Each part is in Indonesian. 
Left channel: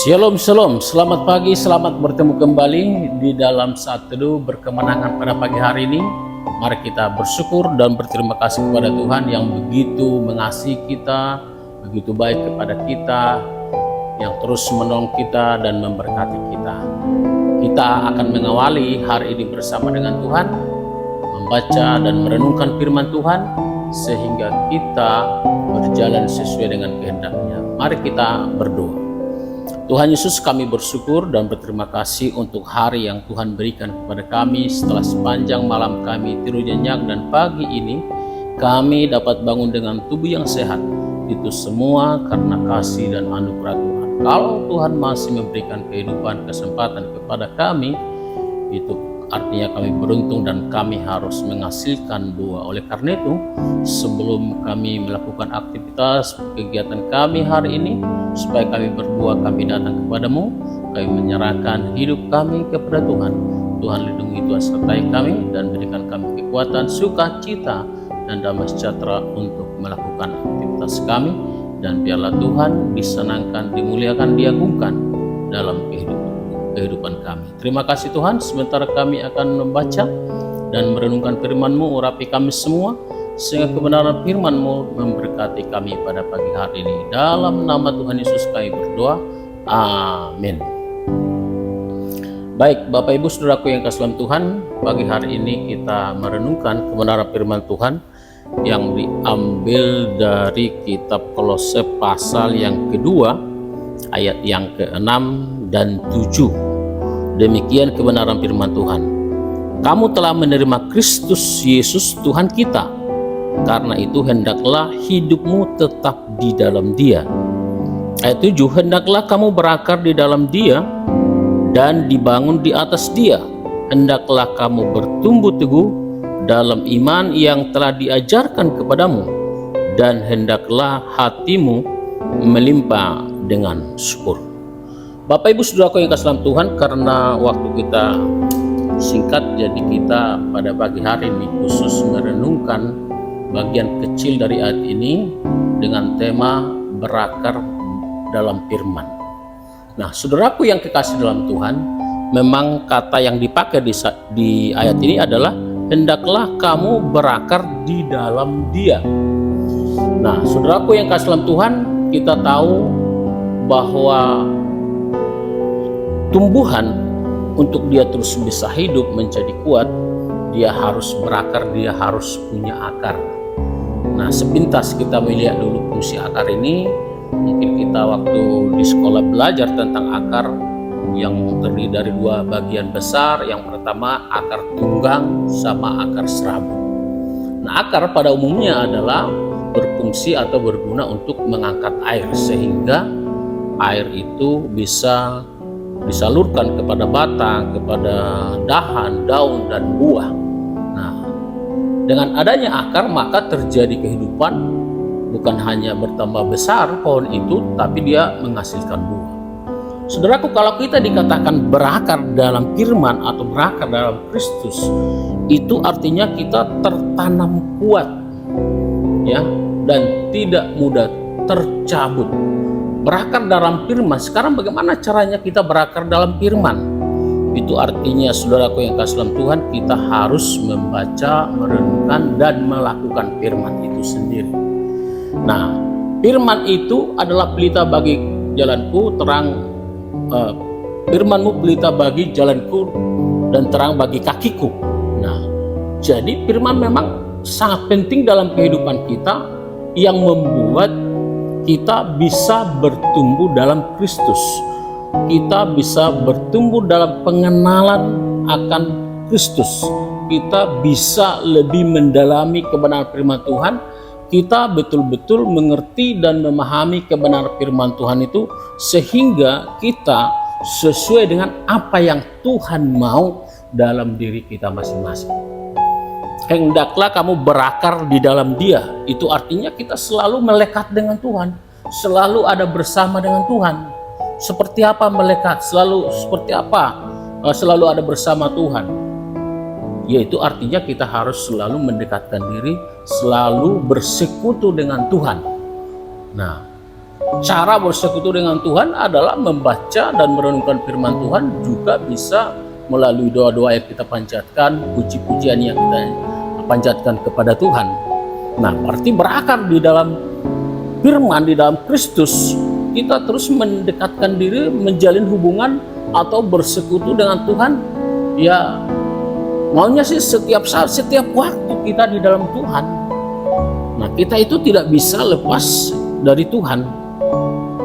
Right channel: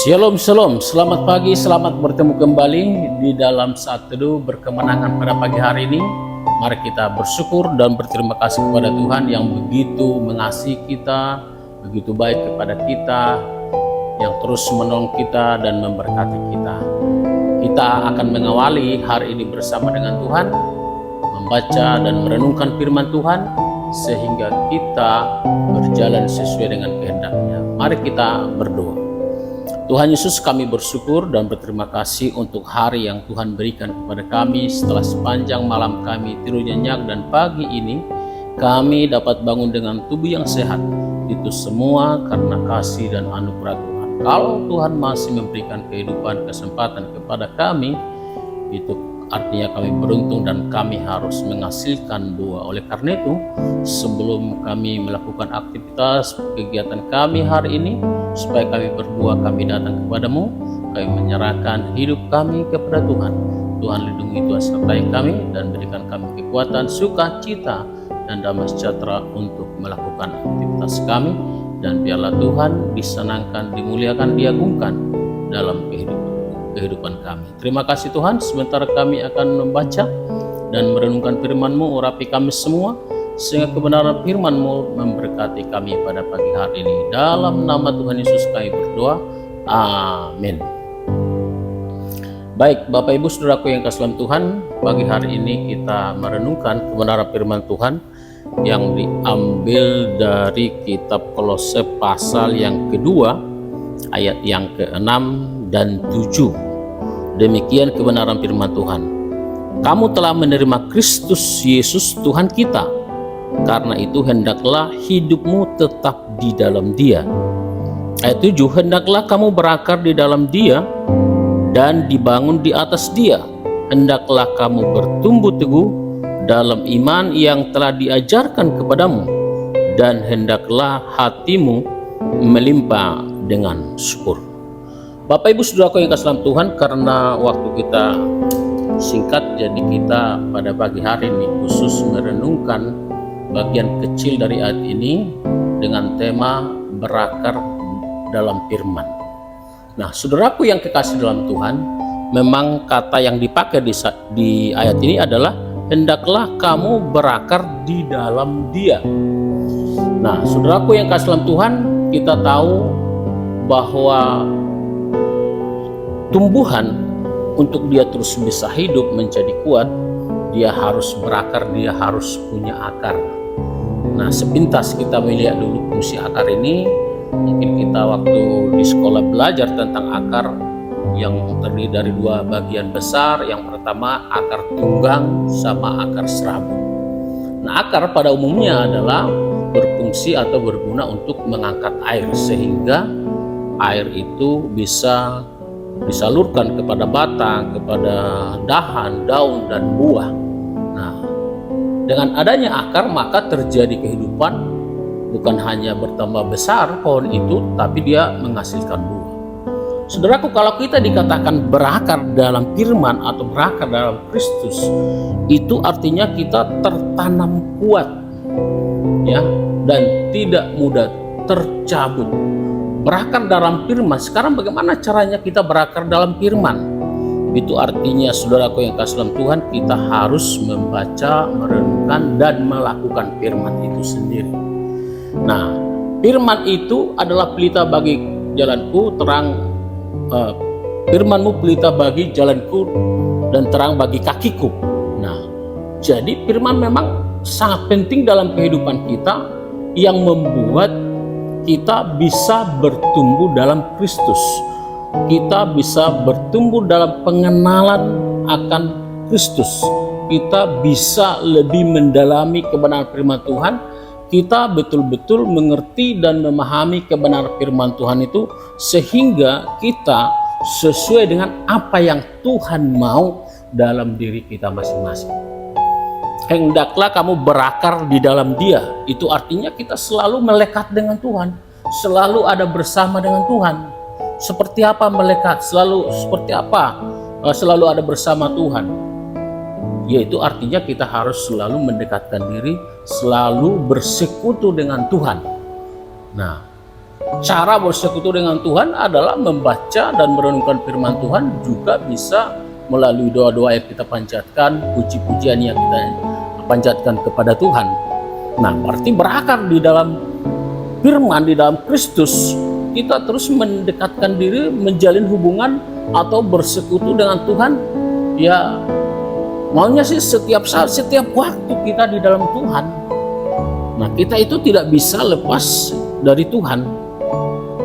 Shalom, shalom. Selamat pagi, selamat bertemu kembali di dalam Saat Teduh Berkemenangan pada pagi hari ini. Mari kita bersyukur dan berterima kasih kepada Tuhan yang begitu mengasihi kita, begitu baik kepada kita, yang terus menolong kita dan memberkati kita. Kita akan mengawali hari ini bersama dengan Tuhan, membaca dan merenungkan firman Tuhan, sehingga kita berjalan sesuai dengan kehendak-Nya. Mari kita berdoa. Tuhan Yesus, kami bersyukur dan berterima kasih untuk hari yang Tuhan berikan kepada kami setelah sepanjang malam kami tidur nyenyak, dan pagi ini kami dapat bangun dengan tubuh yang sehat. Itu semua karena kasih dan anugerah Tuhan. Kalau Tuhan masih memberikan kehidupan, kesempatan kepada kami, itu artinya kami beruntung dan kami harus menghasilkan buah. Oleh karena itu, sebelum kami melakukan aktivitas kegiatan kami hari ini, supaya kami berbuah, kami datang kepadamu, kami menyerahkan hidup kami kepada Tuhan. Tuhan lindungi, Tuhan sertai kami, dan berikan kami kekuatan, sukacita, dan damai sejahtera untuk melakukan aktivitas kami. Dan biarlah Tuhan disenangkan, dimuliakan, diagungkan dalam kehidupan kami. Terima kasih Tuhan. Sebentar kami akan membaca dan merenungkan firman-Mu. Urapi kami semua, sehingga kebenaran firman-Mu memberkati kami pada pagi hari ini. Dalam nama Tuhan Yesus kami berdoa. Amin. Baik, Bapak Ibu Saudaraku yang kasih dalam Tuhan, pagi hari ini kita merenungkan kebenaran firman Tuhan yang diambil dari kitab Kolose pasal yang kedua, ayat yang ke-6 dan 7. Demikian kebenaran firman Tuhan. Kamu telah menerima Kristus Yesus Tuhan kita. Karena itu hendaklah hidupmu tetap di dalam Dia. Ayat 7, hendaklah kamu berakar di dalam Dia dan dibangun di atas Dia. Hendaklah kamu bertumbuh teguh dalam iman yang telah diajarkan kepadamu, dan hendaklah hatimu melimpah dengan syukur. Bapak Ibu Saudaraku yang kasih dalam Tuhan, karena waktu kita singkat, jadi kita pada pagi hari ini khusus merenungkan bagian kecil dari ayat ini dengan tema berakar dalam firman. Nah, saudaraku yang kekasih dalam Tuhan, memang kata yang dipakai di ayat ini adalah hendaklah kamu berakar di dalam Dia. Nah, saudaraku yang kasih dalam Tuhan, kita tahu bahwa tumbuhan untuk dia terus bisa hidup menjadi kuat, dia harus berakar, dia harus punya akar. Nah, sepintas kita melihat dulu fungsi akar ini. Mungkin kita waktu di sekolah belajar tentang akar yang terdiri dari dua bagian besar. Yang pertama akar tunggang sama akar serabut. Nah, akar pada umumnya adalah berfungsi atau berguna untuk mengangkat air, sehingga air itu bisa disalurkan kepada batang, kepada dahan, daun, dan buah. Nah, dengan adanya akar maka terjadi kehidupan. Bukan hanya bertambah besar pohon itu, tapi dia menghasilkan buah. Saudaraku, kalau kita dikatakan berakar dalam firman atau berakar dalam Kristus, itu artinya kita tertanam kuat, ya, dan tidak mudah tercabut. Berakar dalam firman. Sekarang bagaimana caranya kita berakar dalam firman? Itu artinya, saudaraku yang kasih dalam Tuhan, kita harus membaca, merenungkan, dan melakukan firman itu sendiri. Nah, firman itu adalah pelita bagi jalanku, firman-Mu pelita bagi jalanku dan terang bagi kakiku. Nah, jadi firman memang sangat penting dalam kehidupan kita, yang membuat kita bisa bertumbuh dalam Kristus. Kita bisa bertumbuh dalam pengenalan akan Kristus. Kita bisa lebih mendalami kebenaran firman Tuhan. Kita betul-betul mengerti dan memahami kebenaran firman Tuhan itu, sehingga kita sesuai dengan apa yang Tuhan mau dalam diri kita masing-masing. Hendaklah kamu berakar di dalam Dia. Itu artinya kita selalu melekat dengan Tuhan, selalu ada bersama dengan Tuhan. Seperti apa melekat? Seperti apa selalu ada bersama Tuhan? Yaitu artinya kita harus selalu mendekatkan diri, selalu bersekutu dengan Tuhan. Nah, cara bersekutu dengan Tuhan adalah membaca dan merenungkan firman Tuhan, juga bisa melalui doa-doa yang kita panjatkan, puji-pujian yang kita panjatkan kepada Tuhan. Nah, berarti berakar di dalam firman, di dalam Kristus, kita terus mendekatkan diri, menjalin hubungan atau bersekutu dengan Tuhan. Ya, maunya sih setiap saat, setiap waktu kita di dalam Tuhan. Nah, kita itu tidak bisa lepas dari Tuhan.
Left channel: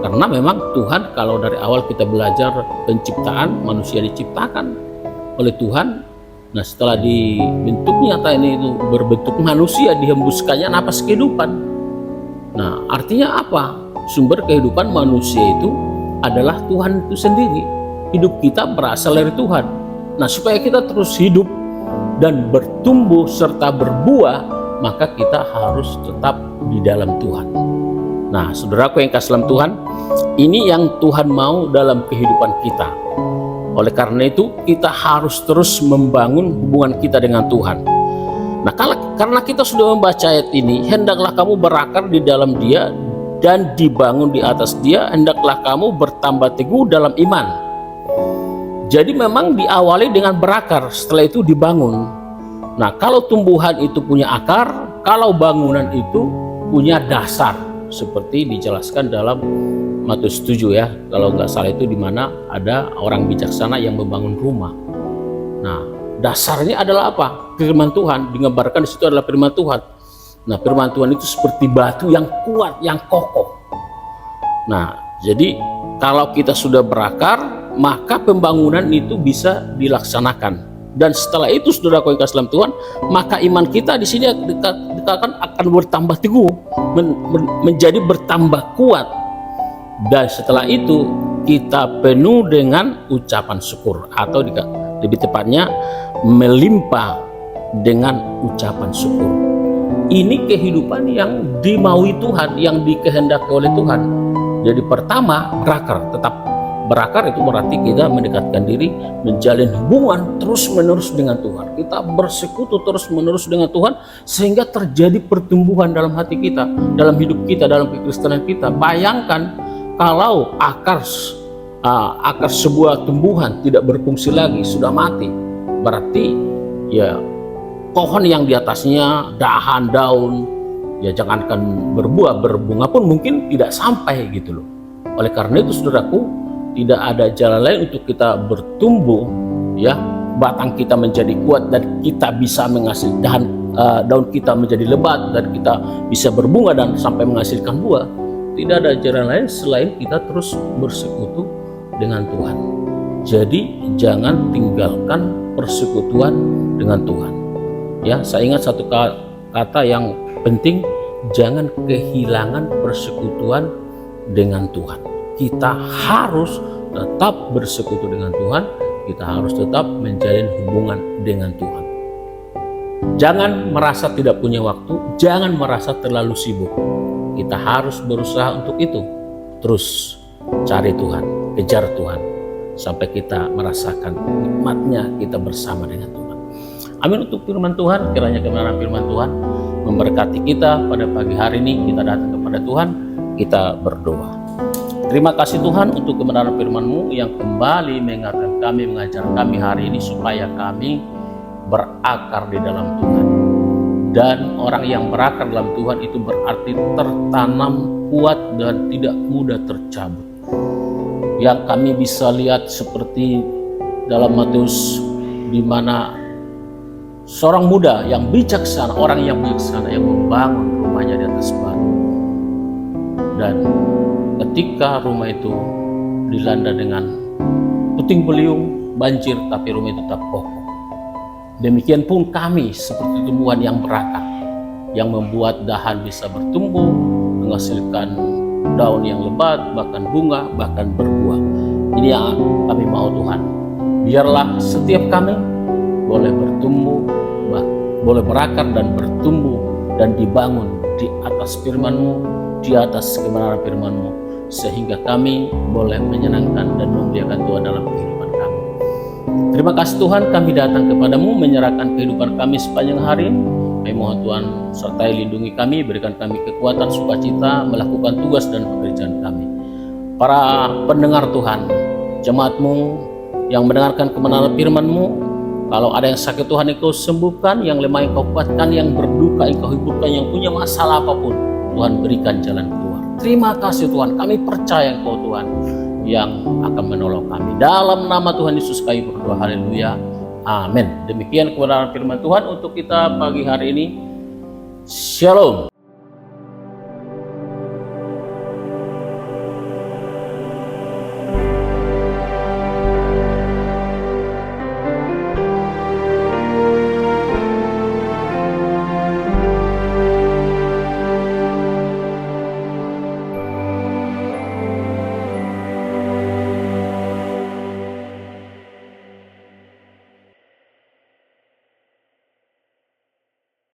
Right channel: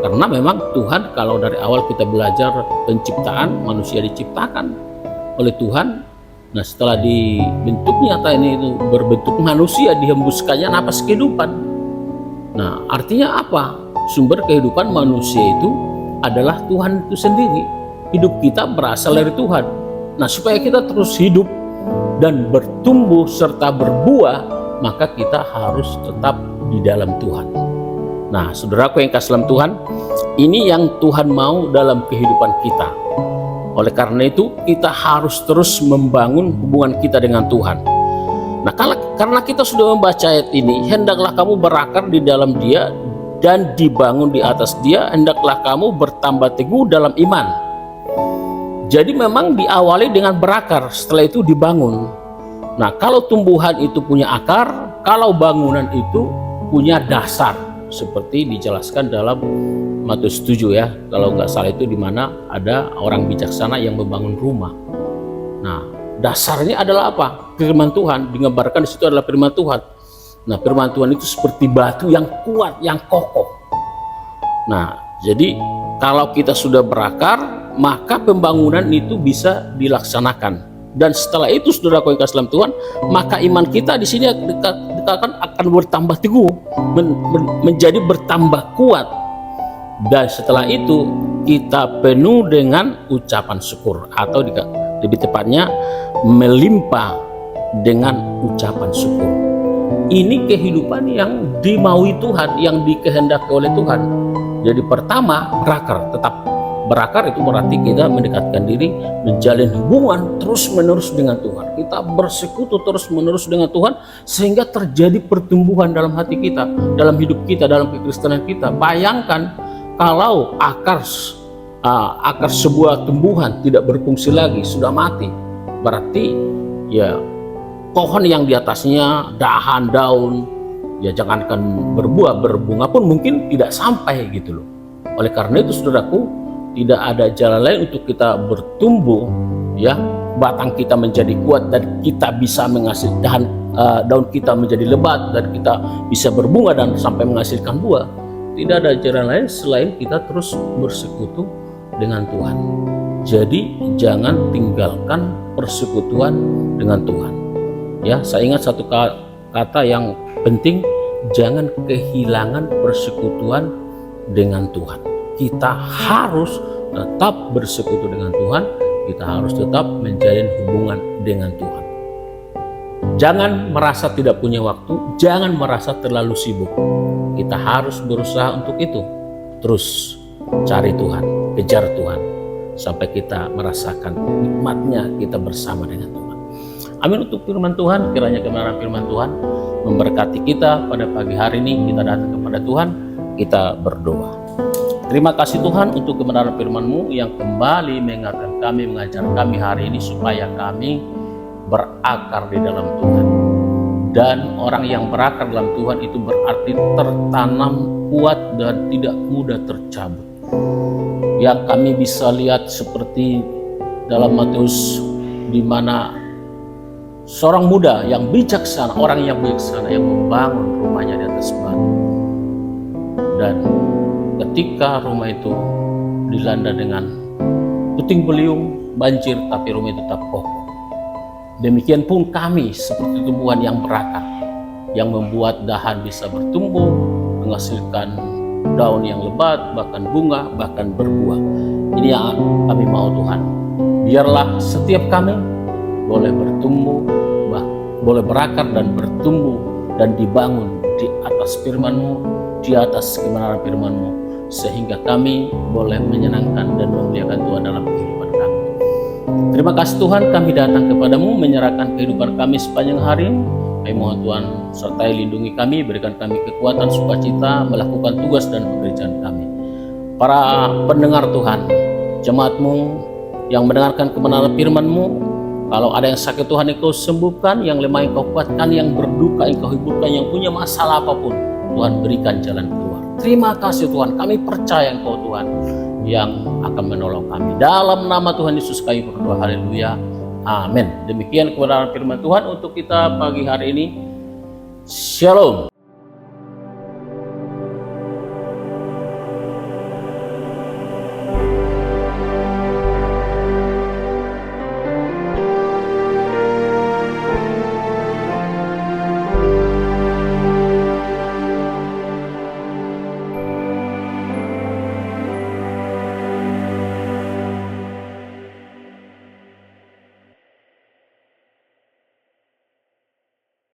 Karena memang Tuhan, kalau dari awal kita belajar penciptaan, manusia diciptakan oleh Tuhan. Nah, setelah dibentuk nyata ini itu berbentuk manusia, dihembuskannya napas kehidupan. Nah, artinya apa? Sumber kehidupan manusia itu adalah Tuhan itu sendiri. Hidup kita berasal dari Tuhan. Nah, supaya kita terus hidup dan bertumbuh serta berbuah, maka kita harus tetap di dalam Tuhan. Nah, saudaraku yang kasih dalam Tuhan, ini yang Tuhan mau dalam kehidupan kita. Oleh karena itu, kita harus terus membangun hubungan kita dengan Tuhan. Nah, karena kita sudah membaca ayat ini, hendaklah kamu berakar di dalam Dia dan dibangun di atas Dia, hendaklah kamu bertambah teguh dalam iman. Jadi memang diawali dengan berakar, setelah itu dibangun. Nah, kalau tumbuhan itu punya akar, kalau bangunan itu punya dasar, seperti dijelaskan dalam Matius 7 ya, kalau nggak salah itu, di mana ada orang bijaksana yang membangun rumah. Nah, dasarnya adalah apa? Firman Tuhan, digambarkan di situ adalah firman Tuhan. Nah, firman Tuhan itu seperti batu yang kuat, yang kokoh. Nah, jadi kalau kita sudah berakar, maka pembangunan itu bisa dilaksanakan. Dan setelah itu, saudara yang kasih dalam Tuhan, maka iman kita di sini dikatakan akan bertambah teguh, menjadi bertambah kuat. Dan setelah itu kita penuh dengan ucapan syukur, atau lebih tepatnya melimpah dengan ucapan syukur. Ini kehidupan yang dimaui Tuhan, yang dikehendaki oleh Tuhan. Jadi pertama, berakar. Tetap berakar itu berarti kita mendekatkan diri, menjalin hubungan terus-menerus dengan Tuhan. Kita bersekutu terus-menerus dengan Tuhan, sehingga terjadi pertumbuhan dalam hati kita, dalam hidup kita, dalam kekristenan kita. Bayangkan kalau akar sebuah tumbuhan tidak berfungsi lagi, sudah mati, berarti ya pohon yang di atasnya, dahan, daun, ya jangankan berbuah, berbunga pun mungkin tidak sampai gitu loh. Oleh karena itu, saudaraku, tidak ada jalan lain untuk kita bertumbuh, ya, batang kita menjadi kuat dan kita bisa menghasilkan daun kita menjadi lebat dan kita bisa berbunga dan sampai menghasilkan buah. Tidak ada jalan lain selain kita terus bersekutu dengan Tuhan. Jadi jangan tinggalkan persekutuan dengan Tuhan. Ya, saya ingat satu kata yang penting, jangan kehilangan persekutuan dengan Tuhan. Kita harus tetap bersekutu dengan Tuhan, kita harus tetap menjalin hubungan dengan Tuhan. Jangan merasa tidak punya waktu, jangan merasa terlalu sibuk. Kita harus berusaha untuk itu. Terus cari Tuhan, kejar Tuhan, sampai kita merasakan nikmatnya kita bersama dengan Tuhan. Amin untuk firman Tuhan. Kiranya kebenaran firman Tuhan memberkati kita pada pagi hari ini. Kita datang kepada Tuhan, kita berdoa. Terima kasih Tuhan untuk kebenaran firman-Mu yang kembali mengingatkan kami, mengajar kami hari ini supaya kami berakar di dalam Tuhan. Dan orang yang berakar dalam Tuhan itu berarti tertanam kuat dan tidak mudah tercabut. Yang kami bisa lihat seperti dalam Matius, di mana seorang muda yang bijaksana, orang yang bijaksana yang membangun rumahnya di atas batu. Dan ketika rumah itu dilanda dengan puting beliung, banjir, tapi rumah itu tetap kokoh. Demikian pun kami seperti tumbuhan yang berakar, yang membuat dahan bisa bertumbuh, menghasilkan daun yang lebat, bahkan bunga, bahkan berbuah. Ini yang kami mau Tuhan. Biarlah setiap kami boleh bertumbuh, boleh berakar dan bertumbuh dan dibangun di atas firman-Mu, di atas kebenaran firman-Mu, sehingga kami boleh menyenangkan dan memuliakan Tuhan dalam kehidupan kami. Terima kasih Tuhan, kami datang kepadamu menyerahkan kehidupan kami sepanjang hari ini. Kami mohon Tuhan sertai lindungi kami, berikan kami kekuatan, sukacita melakukan tugas dan pekerjaan kami. Para pendengar Tuhan, jemaat-Mu yang mendengarkan kebenaran firman-Mu, kalau ada yang sakit Tuhan Engkau sembuhkan, yang lemah Engkau kuatkan, yang berduka Engkau hiburkan, yang punya masalah apapun Tuhan berikan jalan keluar. Terima kasih Tuhan, kami percaya Engkau Tuhan yang akan menolong kami. Dalam nama Tuhan Yesus kami berdoa, haleluya, amin. Demikian kebenaran firman Tuhan untuk kita pagi hari ini. Shalom.